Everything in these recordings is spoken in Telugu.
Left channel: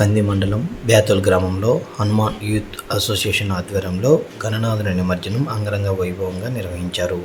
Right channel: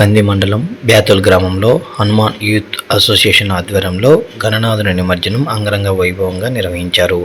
కంది మండలం బ్యాతుల్ గ్రామంలో హనుమాన్ యూత్ అసోసియేషన్ ఆధ్వర్యంలో గణనాథుని నిమజ్జనం అంగరంగ వైభవంగా నిర్వహించారు.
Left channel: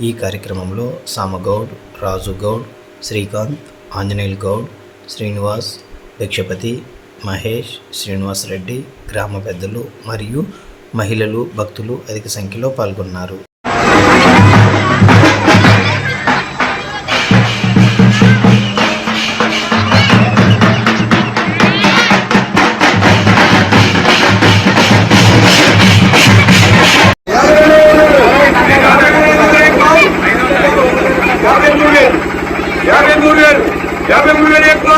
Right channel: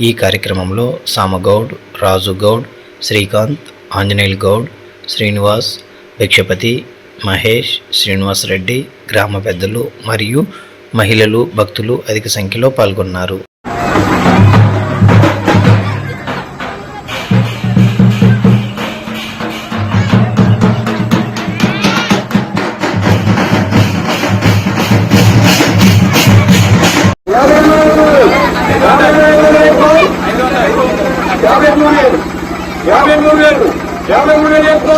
ఈ కార్యక్రమంలో సామగౌడ్ రాజుగౌడ్ శ్రీకాంత్ ఆంజనేయుల్ గౌడ్ శ్రీనివాస్ భిక్షపతి మహేష్ శ్రీనివాస్ రెడ్డి గ్రామ పెద్దలు మరియు మహిళలు భక్తులు అధిక సంఖ్యలో పాల్గొన్నారు. యాభై మూడు వేలు. యాభై మూడు వేలు యాభై మూడు వేలు ఎక్కువ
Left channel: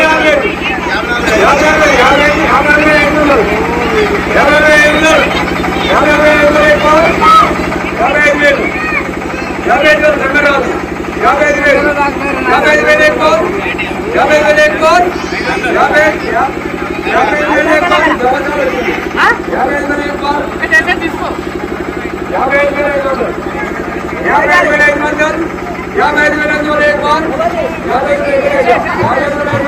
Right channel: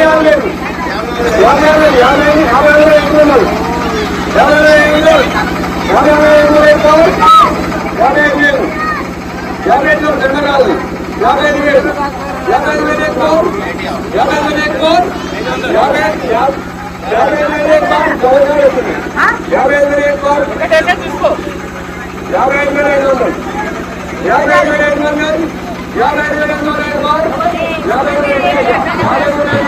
యాభై ఆరు వేలు యాభై ఆరు వేలు యాభై యాభై ఆరు వేలు ఎక్కువ ఉన్నారు. యాభై ఆరు వేలు ఉన్నారు. యాభై ఆరు వేలు ఎక్కువ ఎక్కువ యాభై ఐదు వేలు యాభై ఐదు వేలు జమ్మరాజు యాభై ఐదు వేలు యాభై ఐదు వేలు ఎక్కువ యాభై ఐదు వేలు ఎక్కువ యాభై యా- యాభై ఐదు వేలు ఎక్కువ జబర్దస్త్ యాభై ఐదు వేలు ఎక్కువ యాభై ఐదు వేల ఐదు వందలు యాభై ఐదు వేల ఐదు వందలు యాభై ఐదు వేల ఐదు వందలు ఎక్కువ యాభై ఐదు వేల ఐదు వందలు యాభై ఐదు వేల ఐదు వందలు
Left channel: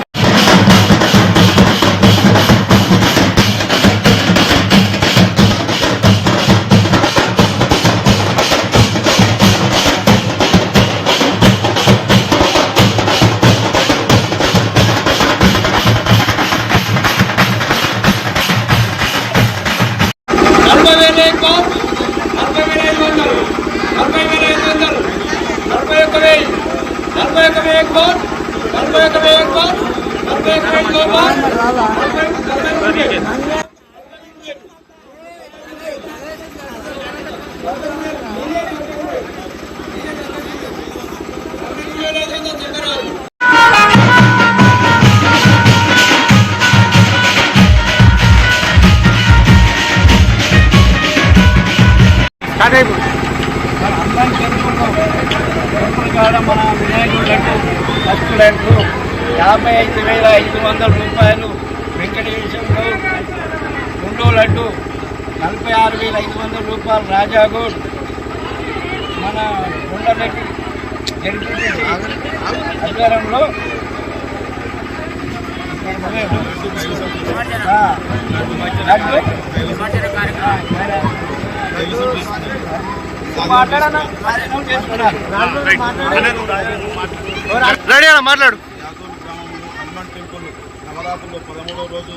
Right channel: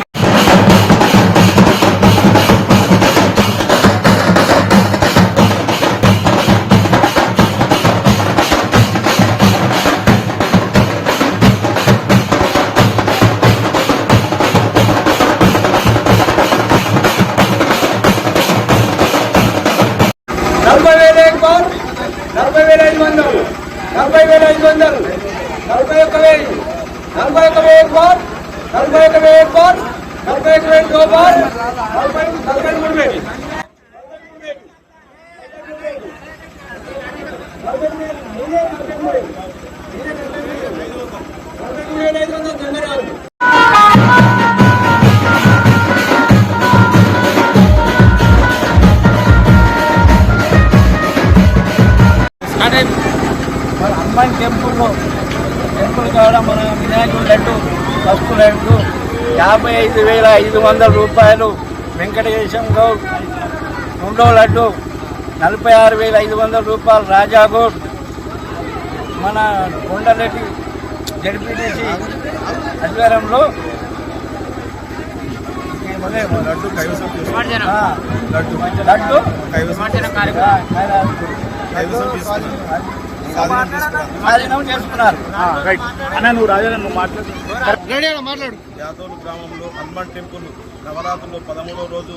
నలభై వేల ఎక్కువ నలభై వేల ఐదు వందలు నలభై వేల ఐదు వందలు నలభై ఒక్క వెయ్యి నలభై ఒక్క వెయ్యి ఎక్కువ నలభై ఒక్క వెయ్యి ఎక్కువ నలభై ఒక్క వెయ్యి నలభై నలభై మన హనుమాన్ టెంపుల్లో టెంపుల్ కాడ మన వినాయకుడు లడ్డు ఫస్ట్ లడ్డు యాభై ఐదు వేల ఐదు వందల రూపాయలు వెంకటేశం రెండో లడ్డు నలభై ఆరు వేల ఐదు వందల రూపాయలు రాజాగోడ్ మన కొండరెడ్డి జడ్పీటీసీ అధ్వర్యంలో లడ్డు. లడ్డు చేసుకున్నారు. యాదోలు గ్రామంలో హనుమాన్ టెంపుల్ నవరాత్రులు పదమూడవ రోజు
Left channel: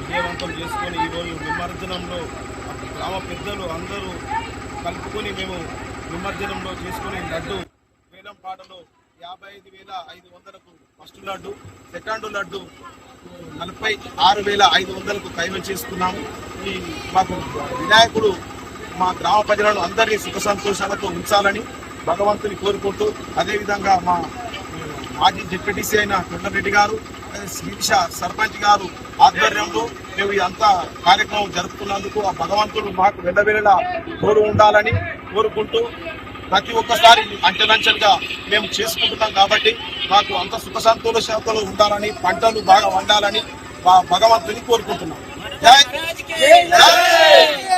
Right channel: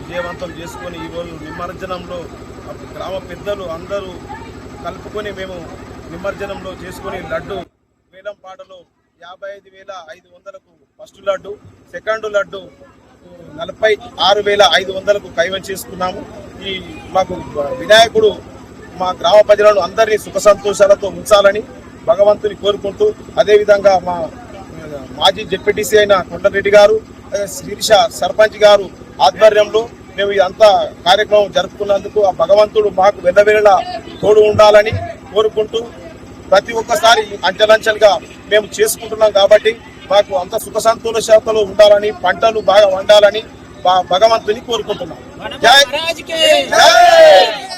విజయవంతం చేసుకొని ఈరోజు నిమజ్జనంలో గ్రామ పెద్దలు అందరూ కలుపుకొని మేము నిమజ్జనంలో చేసుకొని లడ్డు వేలం పాటలో యాభై ఐదు వేల ఐదు వందలకు ఫస్ట్ లడ్డు సెకండ్ లడ్డు నలభై ఆరు వేల ఐదు వందలకు కైవం చేసుకున్నాము. ఈ మాకు వినాయకుడు మా గ్రామ ప్రజలను అందరినీ సుఖ సంతోషాలతో ఉంచాలని భగవంతుని కోరుకుంటూ అదేవిధంగా మా మాజీ డిప్యూటీసీ అయిన కొండరెడ్డి గారు శిరీష సర్పంచ్ గారు ఆధ్వర్యంలో మేము ఇదంతా కార్యక్రమం జరుపుకున్నందుకు ఆ భగవంతుడు మాకు వెళ్ళవేళ తోడు ఉండాలని కోరుకుంటూ ప్రతి ఒక్కసారి అంచెలంచెలుగా మేము చేసుకుంటున్నాం కాబట్టి మాకు అంత సుఖ సంతోషాలతో ఉండాలని పంటలు బాగా వండాలని భగవంతుని కోరుకుంటున్నాం. జై! జై!